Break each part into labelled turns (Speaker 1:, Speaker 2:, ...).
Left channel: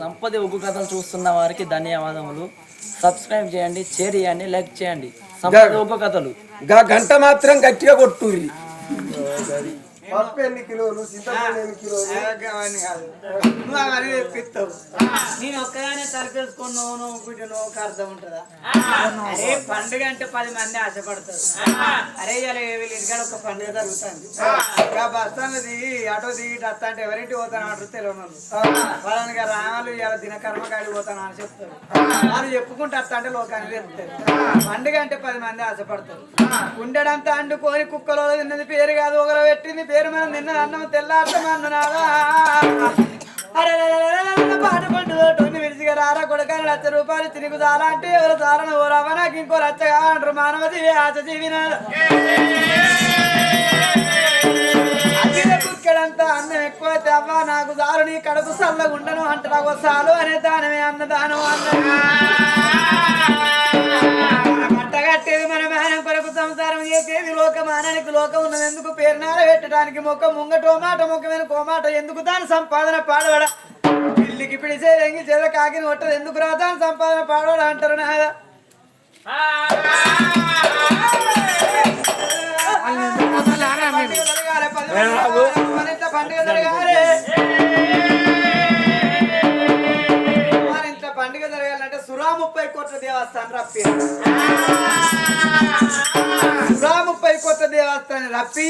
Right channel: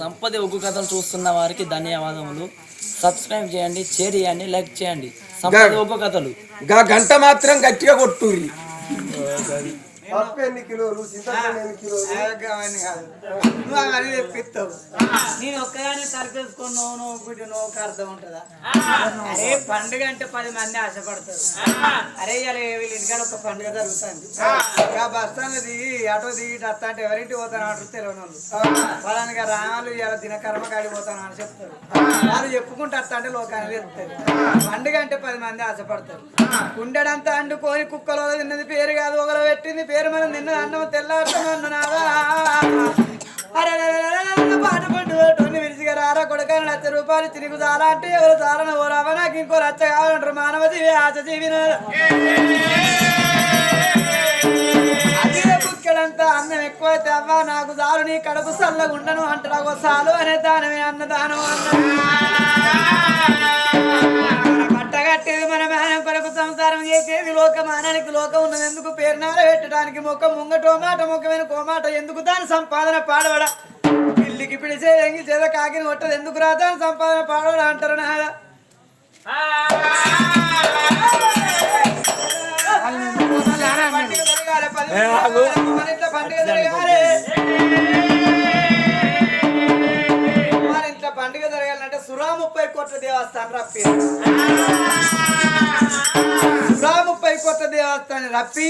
Speaker 1: సంపద ఉగ్గు కథలు చూస్తున్న వారికి ధన్యవాదములు. సబ్స్క్రైబ్ చేయండి షేర్ చేయండి లైక్ చేయండి. సంపద ఉగ్గు కథలు.
Speaker 2: గంట మాత్రం గట్టిగా కొట్టుర్రి పప్పు ఎన్ని కిలోలు? చింతపండు ఎన్ని కిలోలు?
Speaker 3: నేను ఒక్కగానే తలపేసుకొని నువ్వు నువ్వు గుడ్డి నువ్వు ఒక అర్థం ఉంటుందా? అరే పండుగ అంటే పది మంది ఆశపడతారు. అరే ఇలా వీళ్ళ ఇంటికాడ ఒక పండుగ జరుగుతుంది. ఇక బస్ స్టాండ్ దిగి ఆటో దిగి వస్తా అంటే ఎవరింటి పోతాను అంటారు తెలియని వాళ్ళు. వాళ్ళని రావాలి ఇలా దినకర్మ కాడికి పోతాను అని చెప్తారు. వాళ్ళు చెప్పుకుంటూ వస్తా అంటే లోకానికి చెప్తారు. పండుగ అంటే పది మంది ఆశపడతారు. ఉండడంతా అండుకొని కుక్కలో తిన్నది పేరు కాదు ఒకరు పెట్టింది పేరు మనం నిన్న అన్నం తెల్లార్థం అన్ననాదా అరే పాట పండుగ విరిచిగా రారా కొడకాని లక్ష రూపాయలు తిరిగి చాలా అంటే ఎవరు చాలని ఓ రావ నాకు ఇంకో లచ్చ కావాలంటారు. మానవ జీవి ఆశ జీవి అదే అన్నం ఎక్కువైతే అవ్వ నాకు దారుని నీ కడుపు సల్లగుండను ఉండను ఒక సాలు అనే దానమే అన్నదానం అన్న కట్టేది మన మేనం కొరకు సంసారం చేసేది లోకమానానికి లోకం ఉన్నది ఎందుకు? పేరునార పెట్టడానికి మొక్క ముంగటో మాట మొక్క వెనుక మాట. ఎందుకు దాని సంపాదన పాడబడ పిల్లికి పిడిచే ఎంగి చేద కాకిని కొట్టదు. ఎందుకు రా దాని సంపాదన పాడబడ అంటారు నాదా పండుగ జరగాలి పండుగ జరగాలి. జరగాలంటే సురా ముప్పై కోట్ల దేవస్థానం రప్పి. సురా ముప్పై కోట్ల దేవస్థానం రప్పి.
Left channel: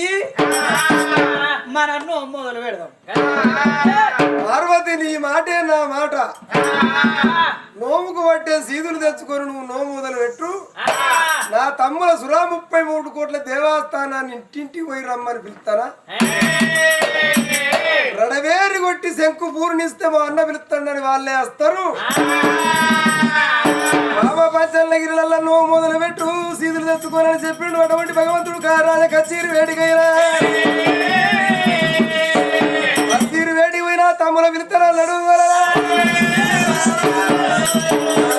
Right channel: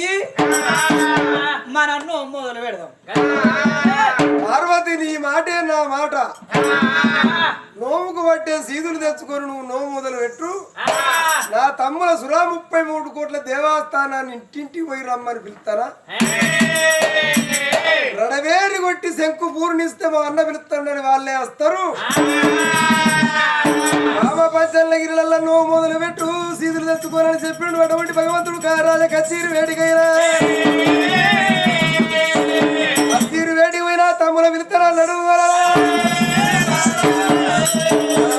Speaker 3: మన అన్ను మొదలు పెడదాం.
Speaker 2: పార్వతి నీ మాటే నా మాట. నోముకు పట్టే సీదులు తెచ్చుకొని నువ్వు నోము మొదలు పెట్టు నా తమ్ముల సురా ముప్పై మూడు కోట్ల దేవస్థానాన్ని ఇంటింటికి పోయి రమ్మని పిలుస్తానా? రడవేరి కొట్టి శంకు పూర్ణిస్తే మా అన్న పిలుస్తాడని వాళ్ళే వస్తారు. బాబా పంచల్లగిరిలల్లా నువ్వు మొదలు పెట్టు సీదులు తెచ్చుకోనని చెప్పిండు అటువంటి భగవంతుడు కారాజ కచేరి వేడికైనా. కచేరి వేడి పోయినా తమ్ముల పిలుస్తాను అన్నాడు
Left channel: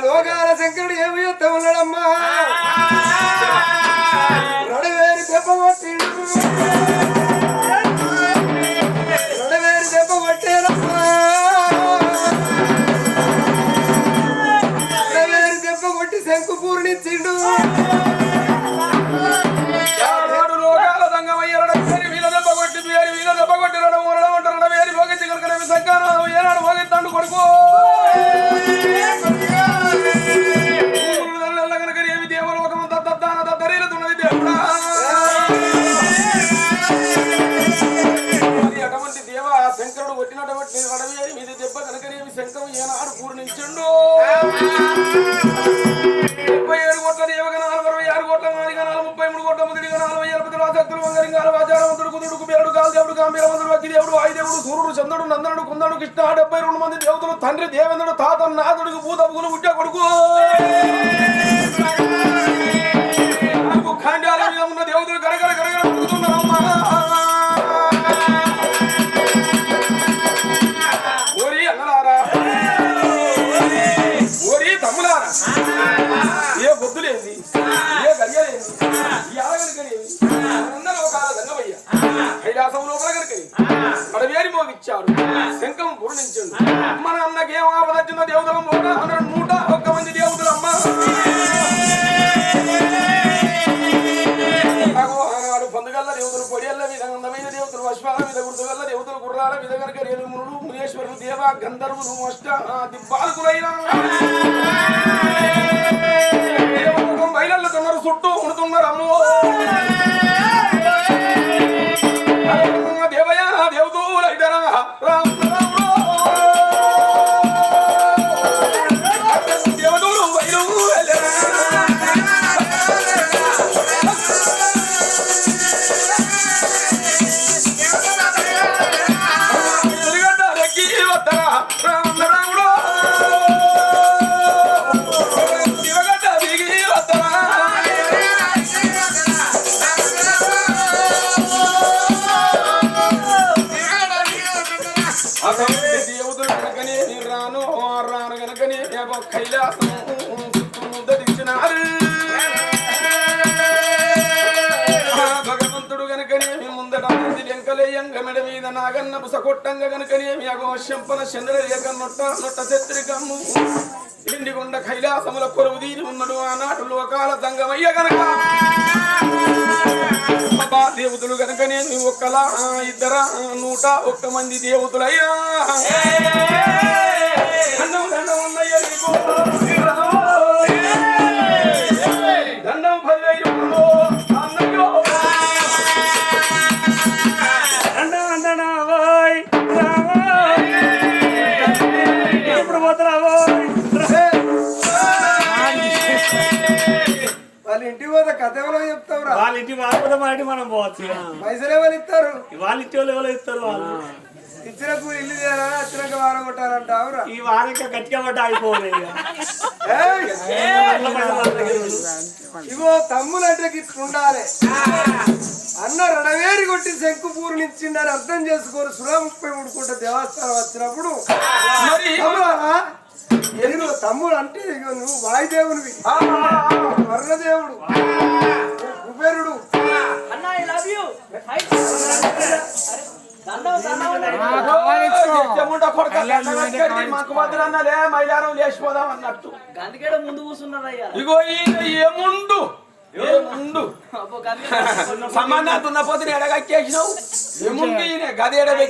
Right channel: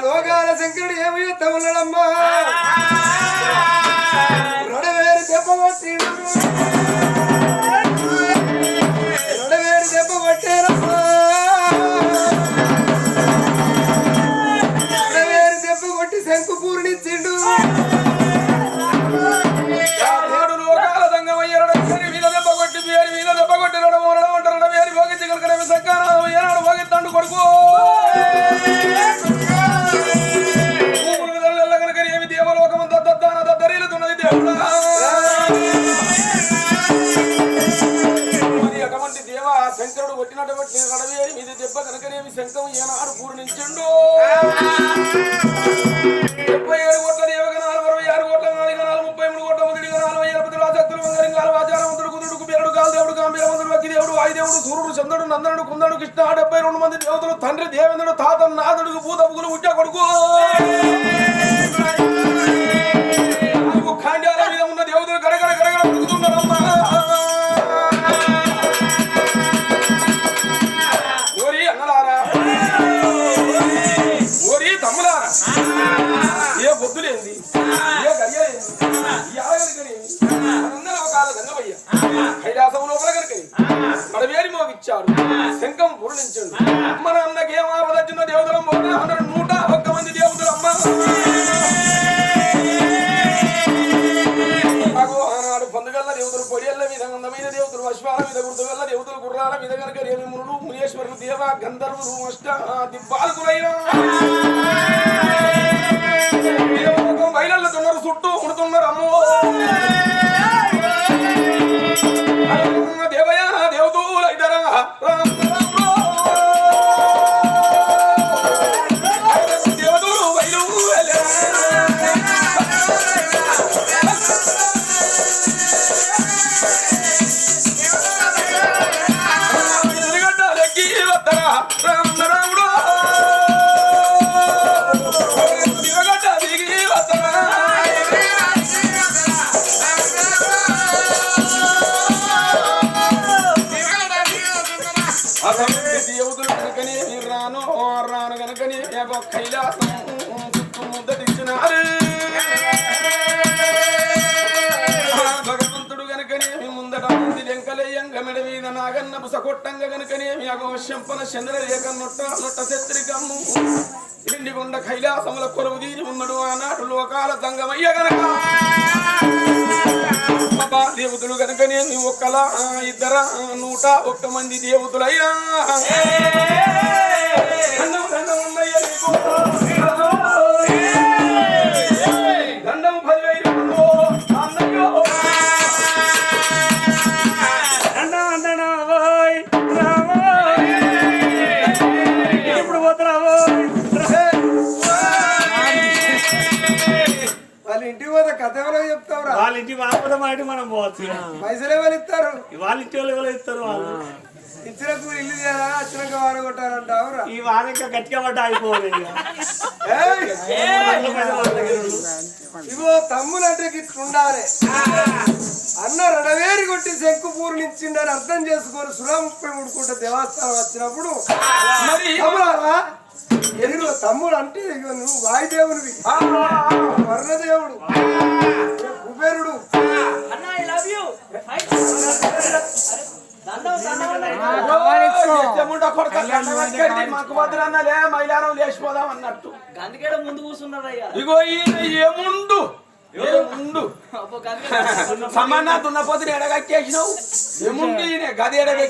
Speaker 2: లోకాల శంకరుడు ఏమి చేస్తా ఉన్నాడమ్మా
Speaker 4: శంకరుడు కొట్టినటువంటి రడవేరి మీద దెబ్బ కనుకనేమి శంఖం ఏనాడు పూర్ణించుండు. ముప్పై ఏడు కోట్ల దేవగణాలు అరవై ఆరు కోట్ల నాలుగనాలు ముప్పై మూడు కోట్ల ముదిడి గణాలు ఎలపతి రాజక్తులు వంగరింగాలు ఆచారవంతుడు కుదురుడు బేరుడు గాలి దేవుడు గాంభీరవంతుడు వక్కి దేవుడు వాయుదేవుడు సూర్యుడు చంద్రుడు నందనుడు కుందనుడు కృష్ణ డెబ్బై రెండు మంది దేవతలు తండ్రి దేవేంద్రుడు తాత నాథుడు భూతపుగులు ఉట్ట కొడుకు. ఖాండాల మీద ఉన్న తమ్ములారా ఏ బొద్దులేంది? ఏ గడియలేంది? ఈ ఆగలికనేది అందరూ ఒక సంగమయ్య కైలాసం లోపల కనుకని మడవేరి మోగిచ్చాడు. శంఖం పూర్ణించండు మన అన్నకేం ఆపదచ్చిన దేవతల దేవతలు గుర్రాల మీద మునేశ్వరులు దేవ గంధర్వులు అష్ట దిబ్బాలకులైన నాగన్న బుస కొట్టంగ గనుకనేమి అగో శంపన చంద్రలేక నొట్ట నొట్ట శత్రికమ్ము ఎండికొండ కైలాసముల కొరువు తీరి ఉన్నాడు ఆనాడు లోకాల తంగమయ్య గనక. దేవతలు గనకనేమి ఒక్కలా ఇద్దర నూట ఒక్క మంది దేవతలయ్యా. దండం దండం ఉన్నయ్య
Speaker 2: ఎవరో చెప్తావురా.
Speaker 5: వాళ్ళ ఇంటి వాళ్ళ మా ఇంటి మనం పోవచ్చు
Speaker 2: పైసలు ఎవరు ఇస్తారు.
Speaker 5: వాళ్ళ ఇంటి వాళ్ళు ఎవరు ఇస్తారు వాళ్ళు.
Speaker 2: ఇచ్చిన కూలి ఇల్లు చేయాలా వచ్చినాక వాన కొట్టాలంటావురా
Speaker 5: ఈ వారం ఇంకా గట్టిగా పడ్డ అయిపోవాలి.
Speaker 2: ఇగో అంటే గిట్ల ఉండాలి. అన్న రడవేరి కొట్టి శంకు పూర్ణించిండని అర్థం చేసుకొని సురా ముప్పై మూడు దేవస్థానం వచ్చినప్పుడు
Speaker 4: మరి
Speaker 2: తమ్ముడారా తమ్ముడు అంటే ఇగో నువ్వు వాయుదేవునివి. వర్ణదేవుడు
Speaker 4: మాకు వద్దురన్నలే మైలారం లేచిపోదాం అన్నట్టు.
Speaker 1: గందుకేడ ముందు కూర్చున్నారు అయ్యా.
Speaker 4: ఇగో ఏముండు ఏముండు?
Speaker 1: అబ్బో గందుకేడ
Speaker 4: సమానా దున్నపోతుని ఎడగక్కేసినావు? ఈయన? గది గది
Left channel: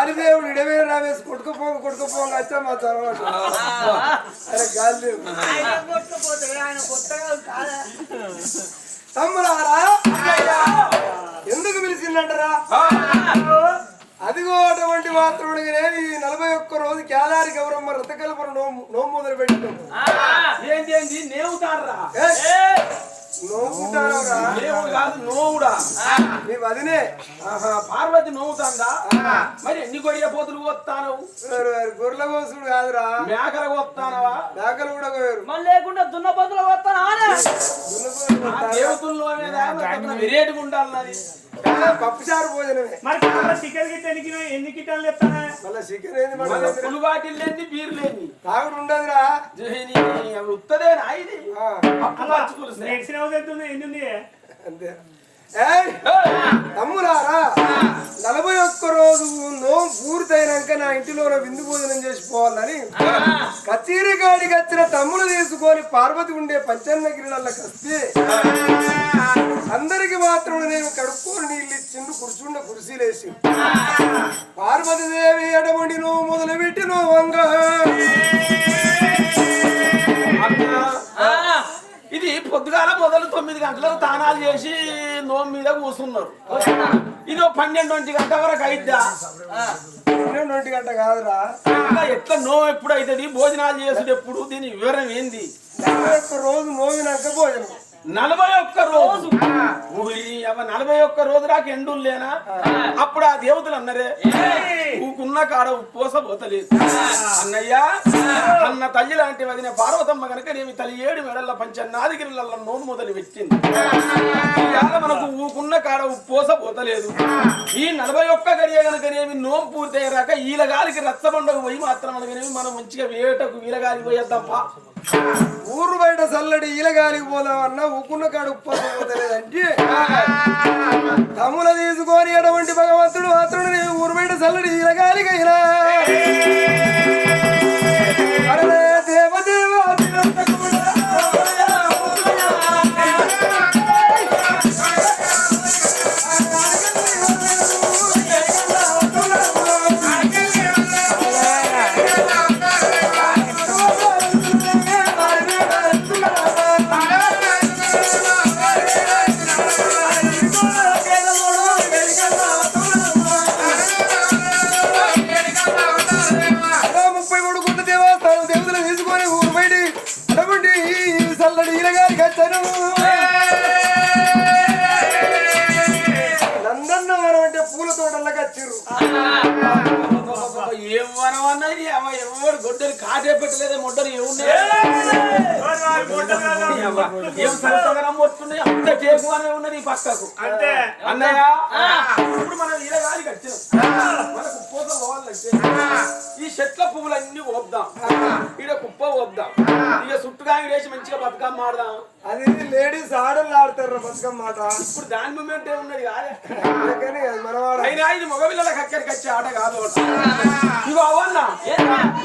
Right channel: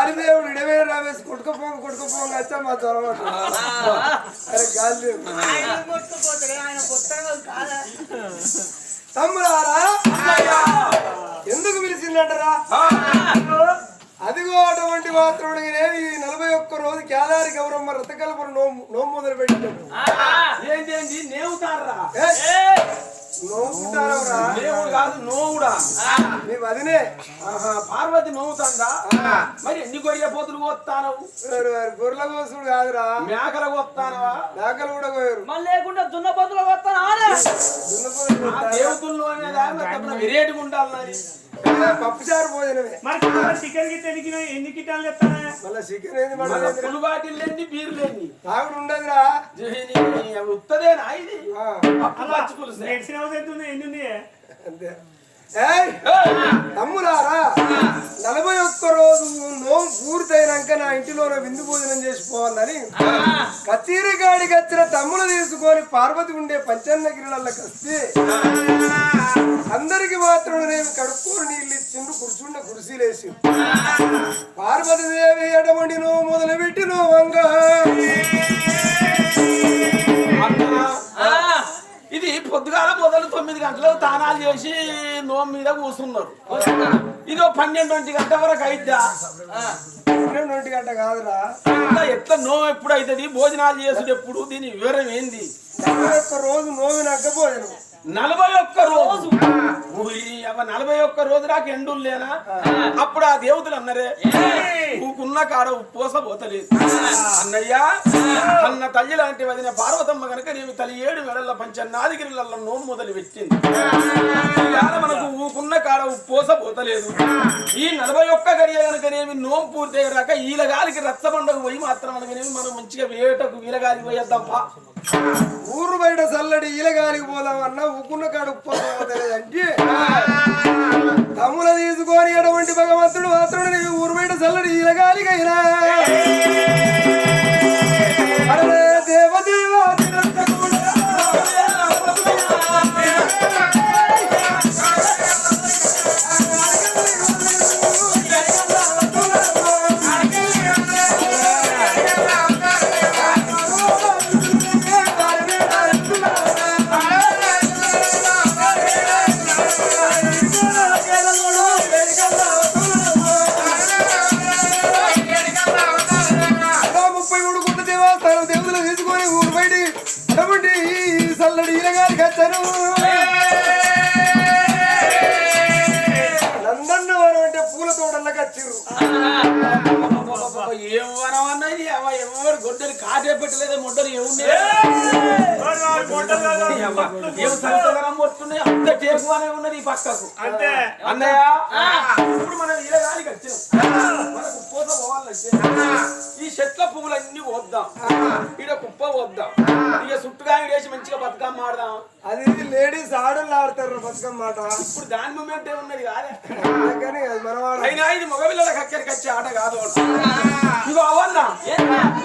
Speaker 6: అది
Speaker 2: ఇడవే రావేసి కొట్టుకుపోక కొట్టుకుపోక వచ్చా మా తర్వాత. అరే
Speaker 3: కొత్తగా కాదా?
Speaker 2: తమ్ముడారా ఎందుకు పిలిచిందంటారా అటువంటి మాత్రం ఈ నలభై ఒక్క రోజు కేదారి గౌరమ్మ రథకల్పన నోము నోము మొదలు పెట్టాం
Speaker 4: ఏంటి నేవుతారా? దేవుడు కాదు నోవుడా.
Speaker 2: నీ వదినే
Speaker 4: ఆహా, పార్వతి నోవుతాందా? మరి ఎన్ని గొయ్య పోతులు
Speaker 2: వారు గొర్రెల కోసుడు కాదురా.
Speaker 4: మేకల పోతానవా?
Speaker 2: మేకలు కూడా కోయరు
Speaker 1: మళ్ళీ లేకుండా.
Speaker 4: దేవతలు అనేది వెరేటిగా ఉండాలి నాది.
Speaker 2: పప్పుచారు భోజనమే.
Speaker 5: మరి చికెన్ గిట్ట ఎన్ని కిలో ఎన్ని కిటాలు చెప్తానే
Speaker 2: మళ్ళీ చికెన్ ఏంది మళ్ళీ
Speaker 4: పులు బాటిల్ లేని బీర్ లేని
Speaker 2: తాగుడు ఉండదురా.
Speaker 4: ఉత్తదేనా ఇది.
Speaker 5: మెడిసిన్ హౌస్ ఎంత ఉంది? ఎన్ని ఉంది
Speaker 2: అంతే. తమ్ములారా నలభై ఒక్క రోజు నోము పూర్తయినాక నా ఇంటిలోనే విందు భోజనం చేసిపోవాలని కచేరీ వచ్చిన తమ్ములు తీసుకొని పార్వతి ఉండే పంచన్న పంచన్నగిరిలకి వస్తే అందరికి మాత్రం నేను కడుక్కోని నీళ్ళు ఇచ్చిండు కుర్చుండ కుర్చీలేసి పార్వతి దేవి ఎడమండి నువ్వు మొదలు పెట్టి
Speaker 4: వంగ. పొద్దుగాల మొదలు తొమ్మిది గంటలకు తానాలు చేసి నోము మీద కూర్చున్నారు. ఇది పన్నెండు ఒంటి గంట వరకు అయిద్దా?
Speaker 2: పన్నెండు ఒంటి గంట కాదురా.
Speaker 4: ఎట్లా నోము ఎప్పుడు అవుతుంది భోజనాలు చేసుడు ఎప్పుడు? దీని వివరం ఏంది?
Speaker 2: రోజు నోవినాక భోజనం.
Speaker 4: నలభై ఒక్క రోజు. నలభై ఒక్క రోజు దాకా ఎండులు లేనా అప్పుడు ఆ దేవతలు అన్నరే ఊకున్న కాడ ఉప్పోస పోతలేదు. అన్నయ్య అన్న తల్లి లాంటి వదిన పార్వతమ్మ గనక నేను తల్లి ఏడు మెడల పంచన్నాదిగిరిల నోము మొదలు పెట్టింది. ఇవాళ మనకు ఊకున్న కాడ ఉప్పోస పోతలేదు. ఈ నలభై ఒక్క గడియ గనకనేమి నోము పూర్తయ్యాక ఈలగాలికి రచ్చబండకు పోయి మాత్రం అనగానేమి మనం మంచిగా వేటకు ఈలగాలికి పోయేద్దాం
Speaker 2: ఊరు బయట చల్లడి ఈలగాలికి పోదామన్నా నవ్వుకున్న కాడు ఉప్పలేదంటే తమ్ముల తీసుకొని ఎటువంటి భగవంతుడు మాత్రం ఊరు బయట చల్లడి ఈలగాలికైనా
Speaker 4: పక్కకు
Speaker 5: అంతే.
Speaker 4: అన్నయ్య? ఇప్పుడు మనం ఇలా గాలి కట్టాం. మనకు పూత పోవాలంటే ఈ చెట్ల పువ్వులన్నీ వద్దాం ఈడ కుప్ప వద్దాం ఇక చుట్టుగా వేసి మంచిగా బతుకమ్మ ఆడదాం.
Speaker 2: అది లేడీస్ ఆడలు ఆడతారు బతుకమ్మ మాట
Speaker 4: ఇప్పుడు దాని మూమెంట్ ఏమున్నది కాదే. అయినా ఇది మగపిల్లలకి అక్కడికి వచ్చే ఆట కాదు ఇగో అవన్నా.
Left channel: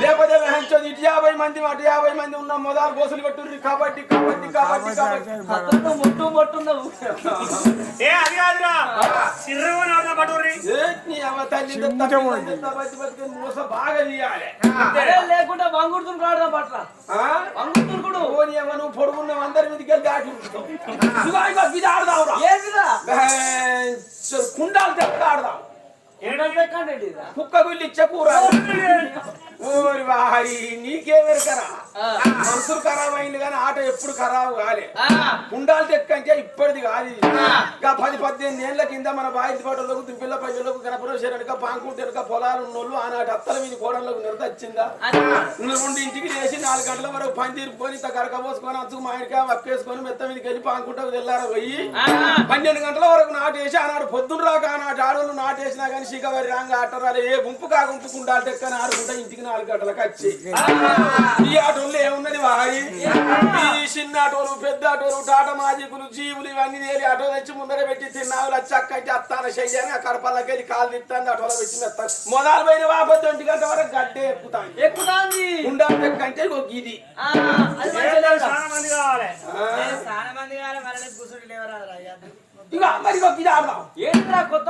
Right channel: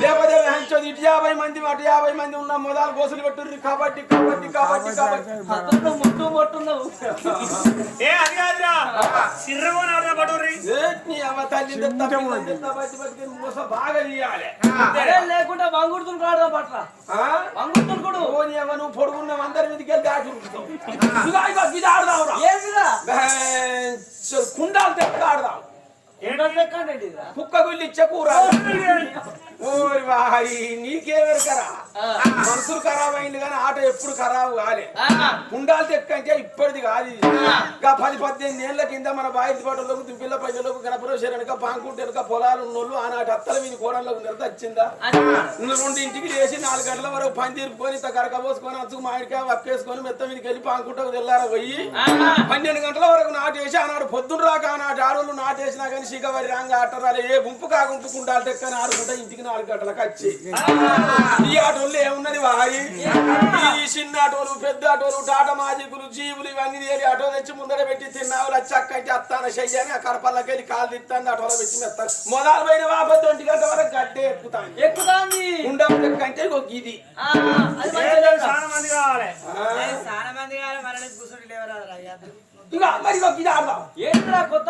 Speaker 4: లేకపోతే హంచోది ఇటు యాభై మంది అటు యాభై మంది ఉన్న మొదలు గోసులు పెట్టుర్రి కాబట్టి కాబట్టి కాబట్టి కాబట్టి.
Speaker 1: ముట్టు మొట్టున్నావు
Speaker 5: ఏ అది కాదురా. సిర్రగా నాడుదా పట్టుర్రి.
Speaker 4: ఏ నీ తల్లి బతికి మూస బాగా
Speaker 1: అదే లేకుండా వంగుడుతుని రాడదా పట్ల? వంగుడుతుని
Speaker 4: అవ్వ నువ్వు పొడుగున్న అందరి మీదకి వెళ్ళి దాటి ఉరుకుతావు. ఇది బెంచ్ కుండాలు తెక్క ఆడదాం
Speaker 1: ఏంటో లెక్కండి
Speaker 4: కుక్క గుళ్ళు ఇచ్చే కూర ఓరి వారి నీకే వెరకరా మనసులు ఖరాబ్ అయింది కానీ ఆట ఎప్పుడు ఖరాబు కాలే. కుండాలు తెక్కంటే ఇప్పటిది కాదు ఇది. ఇంకా పది పద్దెనిమిది ఏళ్ళ కింద మన బాయి పాటలకు దుంపిల్ల పల్లెలకు గణపరేశ్వర వెనక పాంకుంట వెనక పొలాలు ఉన్నోళ్ళు ఆనాటి అత్తల మీద కోడళ్ళకు నిర్దచ్చిందా రెండు ఇంటికి లేచి నాలుగు గంటల వరకు పని తీరుకొని ఇంత కరక పోసుకొని అంచుకు మామిడికాయ వక్కేసుకొని మెత్త మీదకి వెళ్ళి పాంకుంటకు తెల్లార పోయి? పన్నెండు గంటల వరకు నాటేసి ఆనాడు పొద్దున రాక ఆనాటి ఆడవాళ్ళు నాటేసినా కానీ శిఖవరి రాంగ ఆటరాలు ఏ గుంపు కా గుంపు కుండాలు టెక్కని ఆడుకుంటా ఇంటికి నాలుగు గంటలకు వచ్చి. ఈ ఆటోళ్ళు ఏమున్నది వారి ఈ చిన్న ఆటోలు పెద్ద ఆటోలు టాటా మాజికులు జీవులు ఇవన్నీ తేలి ఆటో తెచ్చి ముందర పెట్టి తిన్నావులు చక్క అంటే అత్తాన చెయ్యని ఆ కడపల్లకి వెళ్ళి కాలు తిత్తాను ఆటోలో పెట్టి మెత్తాను మొదలు పోయిన వాపతి ఒంటి గంట వరకు గడ్డే ఎక్కుతాను
Speaker 1: ఎక్కుతాంది.
Speaker 4: ఉండాలి టెక్కంటే ఒక ఇది.
Speaker 5: చాలా మంది కావాలి?
Speaker 3: చాలా మంది కావాలి? మరణ కూర్చుంటే లేవరాదురా
Speaker 4: ఇక మరి ఒక ఇది ఆడదాం.
Speaker 1: ఏంటిరా కొత్త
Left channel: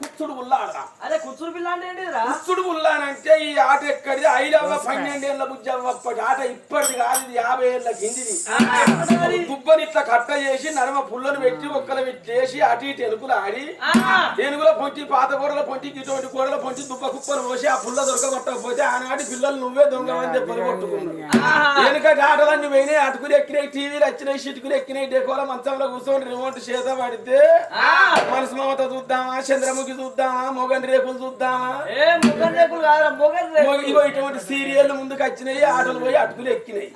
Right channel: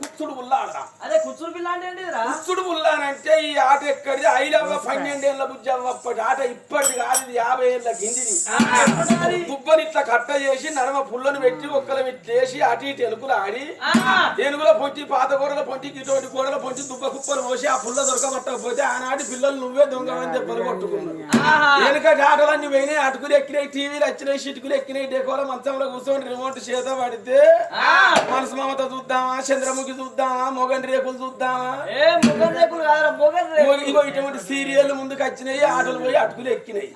Speaker 4: కుచ్చుడు ఉల్ల ఆడదాం.
Speaker 1: అరే కుచ్చురు పిల్ల అంటే
Speaker 4: కుచ్చుడు ఉల్లానంటే ఈ ఆట ఎక్కడిది? ఐదవ పన్నెండేళ్ళ బుజ్జవ్వ ఆట ఇప్పటిది కాదు ఇది యాభై ఏళ్ళ కిందిది. దుబ్బని ఇట్లా కట్ట చేసి నరమ పుల్లను పెట్టి ఒక్కల వేసి అటు ఇటు ఎలుకలు ఆడి ఏనుగుల పొంచి పాత గోడల పొంచి ఇటువంటి గోడల పొంచి దుబ్బ కుప్పలు పోసి ఆ పుల్ల దొరకబట్టకపోతే ఆనాటి పిల్లలు నువ్వే దొంగమని దెబ్బలు కొట్టుకున్నారు. వెనుకటి ఆటలన్నీ పోయినాయి అటుకులు ఎక్కినాయి టీవీలు వచ్చినాయి చిటుకులు ఎక్కినాయి డెకోల మంచంలో కూర్చొని రిమోట్ చేత పడితే మనసు మమత చూద్దామా? చంద్రముఖి చూద్దామా? రేకులు చూద్దామా?
Speaker 1: మొగన్ రేకులు
Speaker 4: మొగ- ఇగో ఇటువంటి సీరియల్ ముందుకు వచ్చినాయి ఆటలు పోయి అటుకులు ఎక్కినాయి.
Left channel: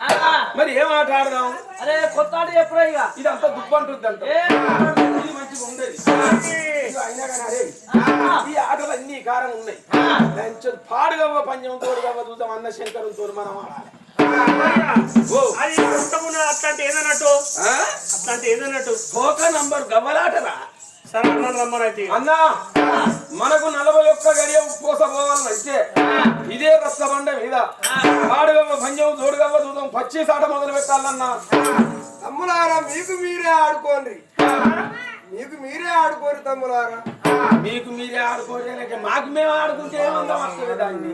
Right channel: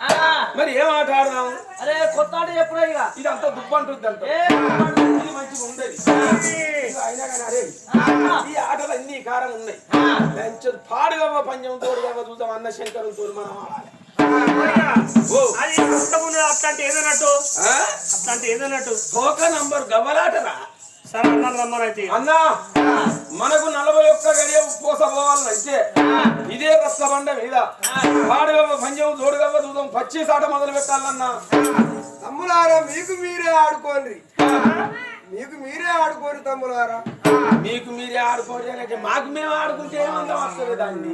Speaker 4: మరి ఏం ఆట ఆడదాం
Speaker 1: అరే కొత్త ఆట చెప్పురా ఇక
Speaker 4: ఇదంతా దుబ్బంటుంది అంట ఇది మంచిగా ఉండేది. అయినా కానీ అరే ఈ ఆటలు అన్ని కారం ఉన్నాయి. మంచి పాడుగవ్వ పంచం తోడుగవ్వ చూద్దాం. అన్న శంకరం తోడు మనం ఆడాలి.
Speaker 5: అది అట్లాంటి ఏదన్నట్టు?
Speaker 4: ఆ?
Speaker 5: అట్లాంటి ఏదన్నట్టు?
Speaker 4: తోక నంబర్ గవ్వలాటరా?
Speaker 5: సరే అన్న రమ్మనైతే.
Speaker 4: అన్నా మనకు నలభై ఒక్క గడియ ఉప్పోస పోవాలంటే ఇదే రచ్చబండ మీద. పాడుగవ్వ పంచం తోడుగవ్వ చూద్దాం పచ్చి సాట మొదలు పెట్టాలన్నా.
Speaker 2: తమ్ములారా మీకు మీరే ఆడుకోండి. మీకు మీరే ఆడుకోరు తమ్ములారా.
Speaker 4: మీకు మీరే ఆడుకోండి అంటే మాకు మేము ఆడుకుంటే ఏమందం వస్తుంది దాన్ని?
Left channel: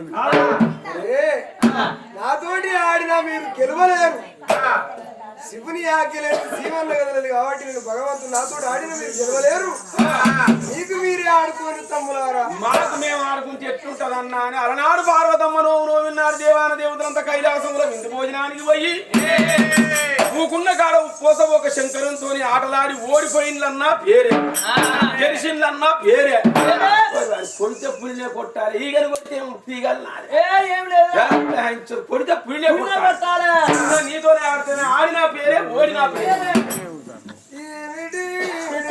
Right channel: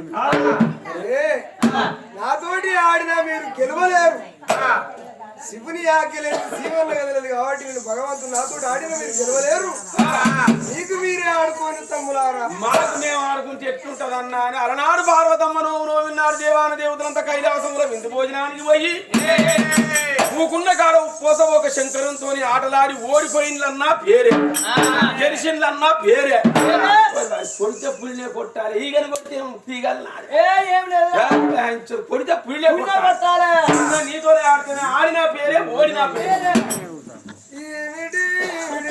Speaker 2: నాతోటి ఆడినా మీరు గెలవలేరు. శివుని ఆకలేదు శివన్న కదలేదు కాబట్టి నేను భగవంతుడు నాతోటి ఆడినా మీరు గెలవలేరు. మీకు మీరే ఆడుకోని తమ్ములారా.
Speaker 4: మాకు మేము ఆడుకుంటే ఎట్లుంటది అన్న అని అలనాడు పార్వతమ్మ నోవు నోవిన్నాడు దేవాన దేవతలంతా కైలాసంలో విందు భోజనానికి పోయి. ఊకున్న కాడ ఉప్పోస ఒక శంకరంతో ఆటలాడి ఓడిపోయిందన్నా పేరే. గెలిచిందన్నా పేరే. కొడితే పులినే కొట్టాలి. ఈగలు కొట్టే తీగలు కొడితే పులినే కొట్టాలి. నీతోనే ఆడితేనే ఆడిన పేరే ఓడిన పేరే.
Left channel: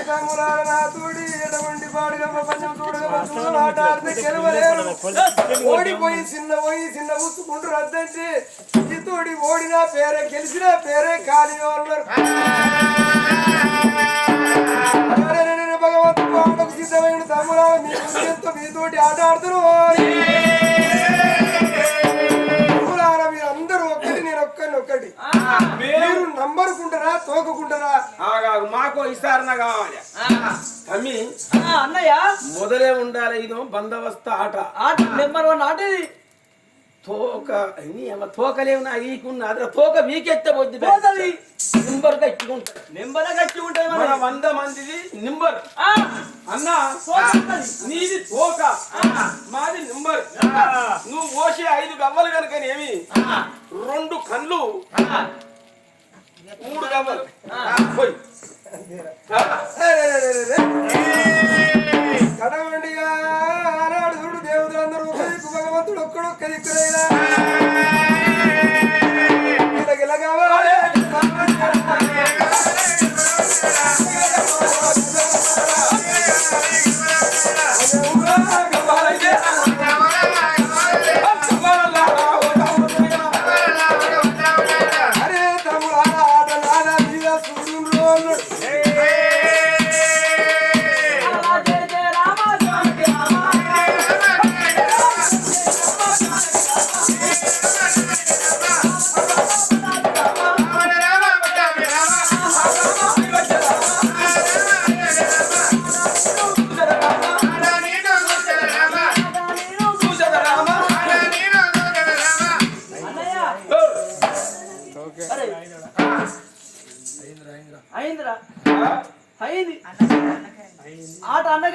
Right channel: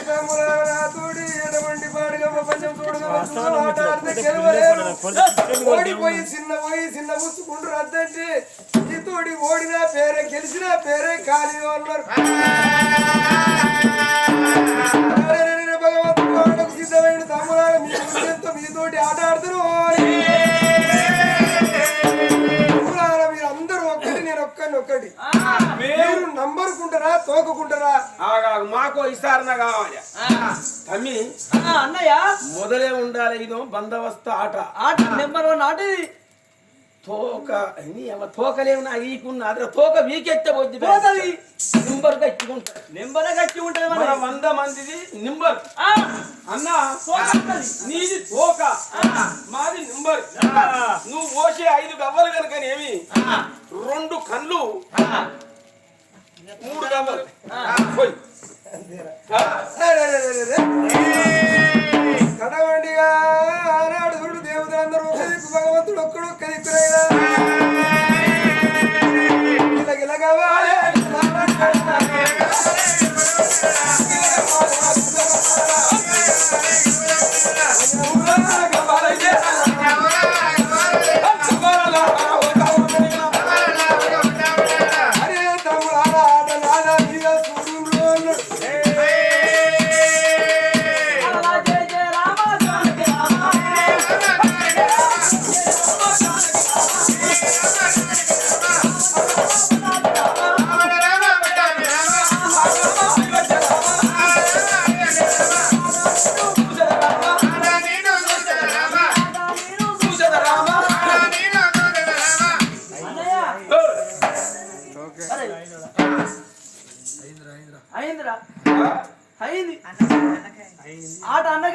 Speaker 2: నాతోటి ఎటువంటి పాడుగమ్మ పంచం చూడగమ్మ ఆట ఆడితే గెలవలేరు. ఓడిపోయి చిన్న పోయి చిన్న ముసుకుంటారు అద్దంటే నీతోటి ఓడినా పేరే గెలిచినా పేరే కాని అరెరెరెరె భగవంతుడు ఆటకు సిద్ధమైన తమ్ములారా మీ మీతోటి ఆట ఆడుతారు మీరు నంబరుకుంటారా తోకకుంటారా?
Speaker 4: ఆగాగు మాకు విచారణ కావాలి. తమ్మి
Speaker 1: అన్నయ్య.
Speaker 4: మొదలే ఉండాలి ఇదో బందోబస్తు ఆట.
Speaker 1: ఆట నెంబర్ వన్ ఆట ఇది.
Speaker 4: తోక అమ్మ తోకలేవు నా ఈకున్న అದ್ರ తోక వీకెత్తే పోద్ది
Speaker 1: పోతది.
Speaker 4: నింబర్ గట్టుకుంటా
Speaker 1: నెంబర్ గట్టి ఉంటది.
Speaker 4: మన వంద మందిది నింబర్.
Speaker 1: ఆ,
Speaker 4: అన్న
Speaker 1: ఉంటది.
Speaker 4: నీది తోక. మాది నింబర్. నువ్వు పోసే ఐదు గవ్వలు కనుకనేమి రెండు కళ్ళు. మూడు గవ్వలు. పోయి.
Speaker 2: కడవండిగా. భగవంతుడు
Speaker 1: ఒక్కడొక్క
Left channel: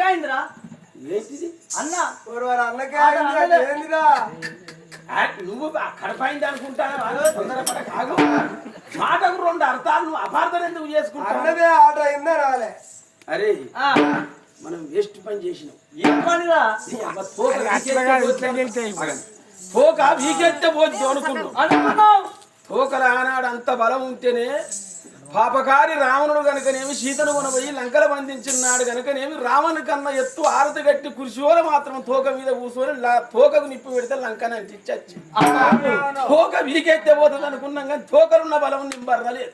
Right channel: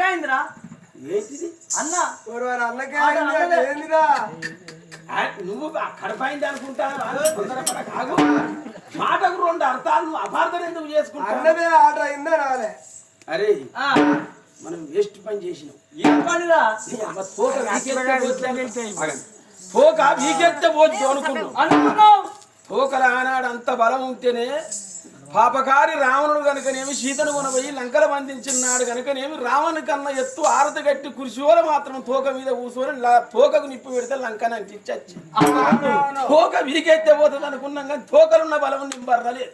Speaker 1: అన్నగాయిందిరా
Speaker 4: ఏంటిది?
Speaker 1: అన్న.
Speaker 2: ఓరి వారి అన్నకే ఆగిందిరా, ఏందిరా?
Speaker 4: ఆ, నువ్వు కడపైంది తొందరపడ కాగు. మాటకు రెండు అర్థాలు నువ్వు అపార్థం ఎందుకు చేసుకుంటావు?
Speaker 2: అన్నదే ఆట అయిందా రాలే?
Speaker 4: అరే మనం వేస్ట్ పని చేసినాం.
Speaker 1: ఏం పనిరా?
Speaker 4: తోక వీకెత్తే పోద్దు అనుకున్నాం.
Speaker 1: అనుకున్నావు?
Speaker 4: తోకల ఆనాడు అంత బలం ఉంటేనే పాపకారి రావణుడు గనుకనేమి సీతను కొనబోయి లంకల బంధించినాడు గనుకనేమి రావణు కన్నా ఎత్తు ఆరతి గట్టి కురిశోల మాత్రం తోక మీద కూర్చొని తోకకు నిప్పు పెడితే లంకని అంటించచ్చి తోక వీకెత్తే పోతుంది అనుకున్నాం కానీ తోకలున్న బలం నింబర్రలేదు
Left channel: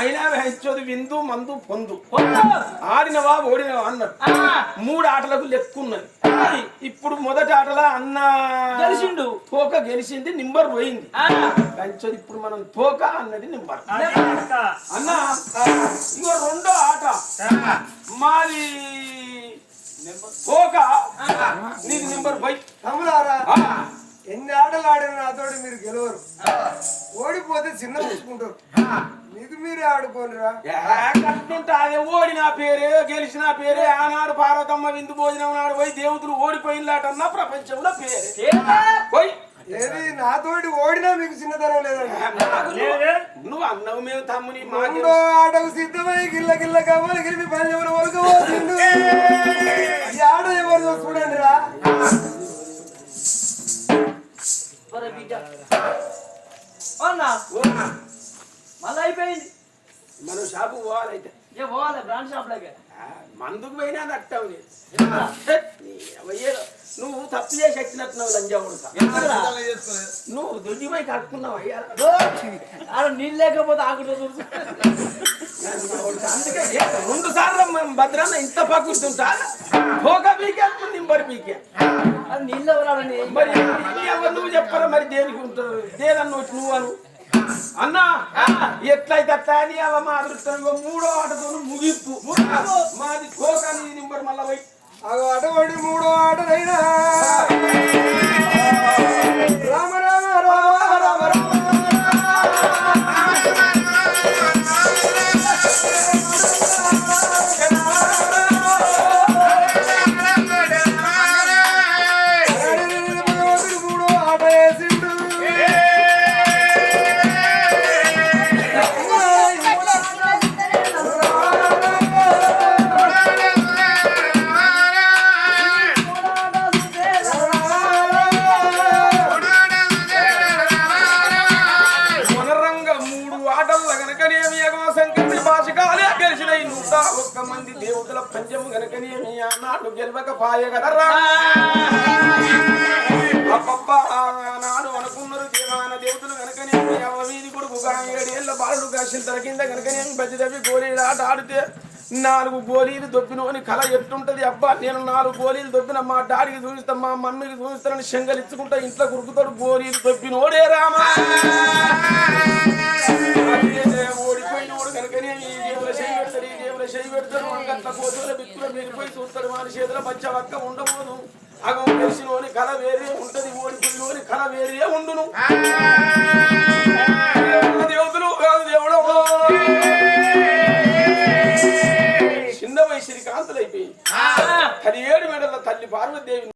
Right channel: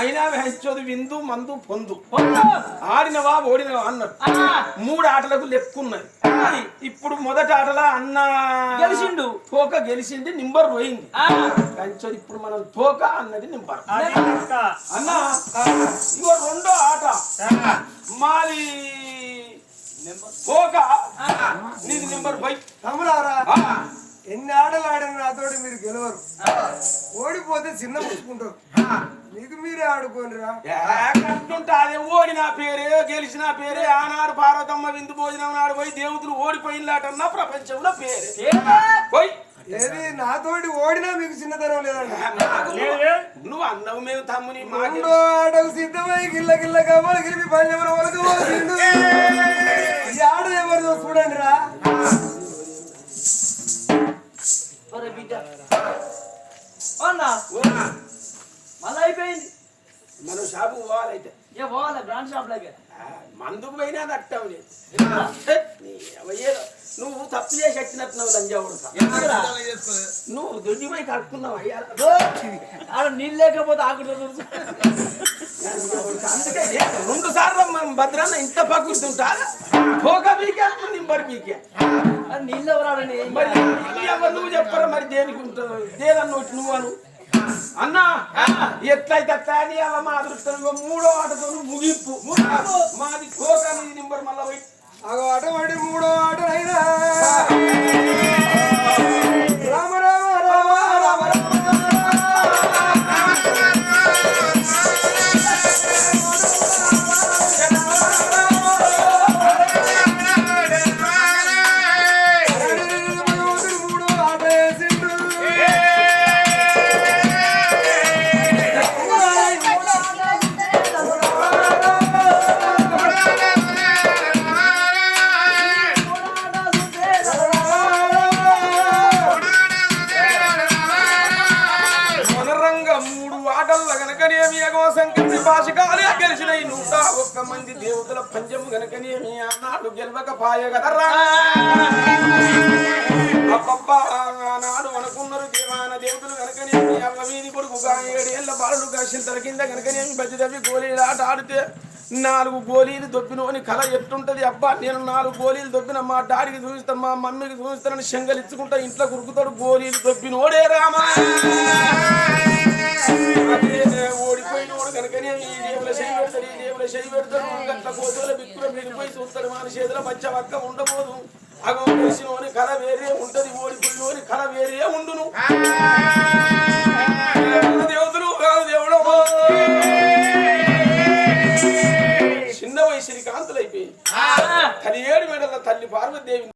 Speaker 4: అయినా వెంచోది విందు మందు పొందు. ఆడినవా ఓడినవా అన్నాడు మూడు ఆటలకు లెక్కున్నది. ఇప్పుడు మొదటి ఆటలో అన్న
Speaker 1: గెలిచిండు.
Speaker 4: తోక గెలిచింది నింబర్ పోయింది. కంచోది ఇప్పుడు మనం తోక అన్నది నింబర్.
Speaker 5: ఇంకా
Speaker 4: అన్న ఇగో రెండో ఆట. మాది తోక నీది నింబర్ బై
Speaker 2: తమ్ములారా ఎన్ని ఆటలు ఆడిన నాతోటి మీరు గెలవరు. ఓడిపోతే చిన్న పుచ్చుకుంటారు మీకు మీరే ఆడుకోనిరా.
Speaker 4: అదే ఓడిన పేరే గెలిచిన పేరే ఆనాడు పార్వతమ్మ విందు భోజనం నాడు పోయి దేవతలు ఓడిపోయినలాటన్నా ప్రపంచంలో పేరే? పోయి.
Speaker 2: ఏది? నాతోటి ఓడినా మీకు చిన్నతనం లేదండి
Speaker 5: లేదు?
Speaker 4: నువ్వు అన్నవు మేము తమ్ముని
Speaker 2: ఆటకు సిద్ధమై గిల్ల గిల్ల కమ్మలు గిరిపి ఒలకపోతుండు ఈ ఆట ఎవరిదో చూడండి రా
Speaker 1: మళ్ళీ అయిపోయింది.
Speaker 4: మనం షాపు పోవాలైతే.
Speaker 1: ఏ పోవాలి? బ్రాండ్ షాప్ లాగా
Speaker 4: మందుకు పోయినా అట్టం లేదు.
Speaker 1: ఎందుకురా?
Speaker 4: హే, నీ అవ్వయ్యేదో. నువ్వు తప్పు చేసి వచ్చినట్టున్నావు లంజావుడు
Speaker 1: ఎందుకురా?
Speaker 4: నువ్వు దొడ్డిపోయి కడుక్కున్నావు? అయ్యా
Speaker 1: నీళ్ళు లేకపోతే ఆకుడు
Speaker 4: అందుకే ఏ, రెండు సార్లు భద్రన్న ఇంత పగురుతుంటా పోక పీకే నింబడి పీకే.
Speaker 1: అది నీళ్ళు ఎవరాడని
Speaker 4: మరి ఎవరు నువ్వు చెప్పరా మరి దేనికి ఉంటావు దేదన్న వచ్చి నువ్వు అను. అన్నా ఎట్లయితే అట్లా అని అవ మా అదృష్టం ఇగో మూడో ఆటతో ముగింపు. మాది పోక నీ నింబర్ మళ్ళా పోయి.
Speaker 2: అటువంటి మూడో ఆటనైనా
Speaker 4: ఏడేళ్ళ బాలుడు కనుక నేను గనకనేమి బజ్జదవి గోళీలు ఆట ఆడితే నాలుగు గోళీలు దొబ్బినోని కళ ఎట్టుంటది అబ్బా. నేను నాలుగు గోళీలు దొబ్బిన మా డాడీకి చూపిస్తా మా మమ్మీకి చూపిస్తానని శంగలిచ్చుకుంటా ఇంట్లో కురుకుతాడు గోళీలు దొబ్బినోడే రామా! ఓడిపోయినోడు కనుకనే ఈ జేబుల చేయి పెడతాడు ఈ జేబుల చేయి పెడతాడు. అంగట్ల కోతుల బిక్కుల మీరిపోయి చూస్తాడు వాని చేతుల పచ్చ పక్క ఉండబోదు. అగం తెలిసినోని కళ వేరే ఉంటది ఓడిపోయినోని కళ వేరే ఉండును. దేవతలు దేవుడు చిన్న వయసు కాంతులు అయిపోయింది పదిహేడు మేడల తల్లి పార్వతీదేవి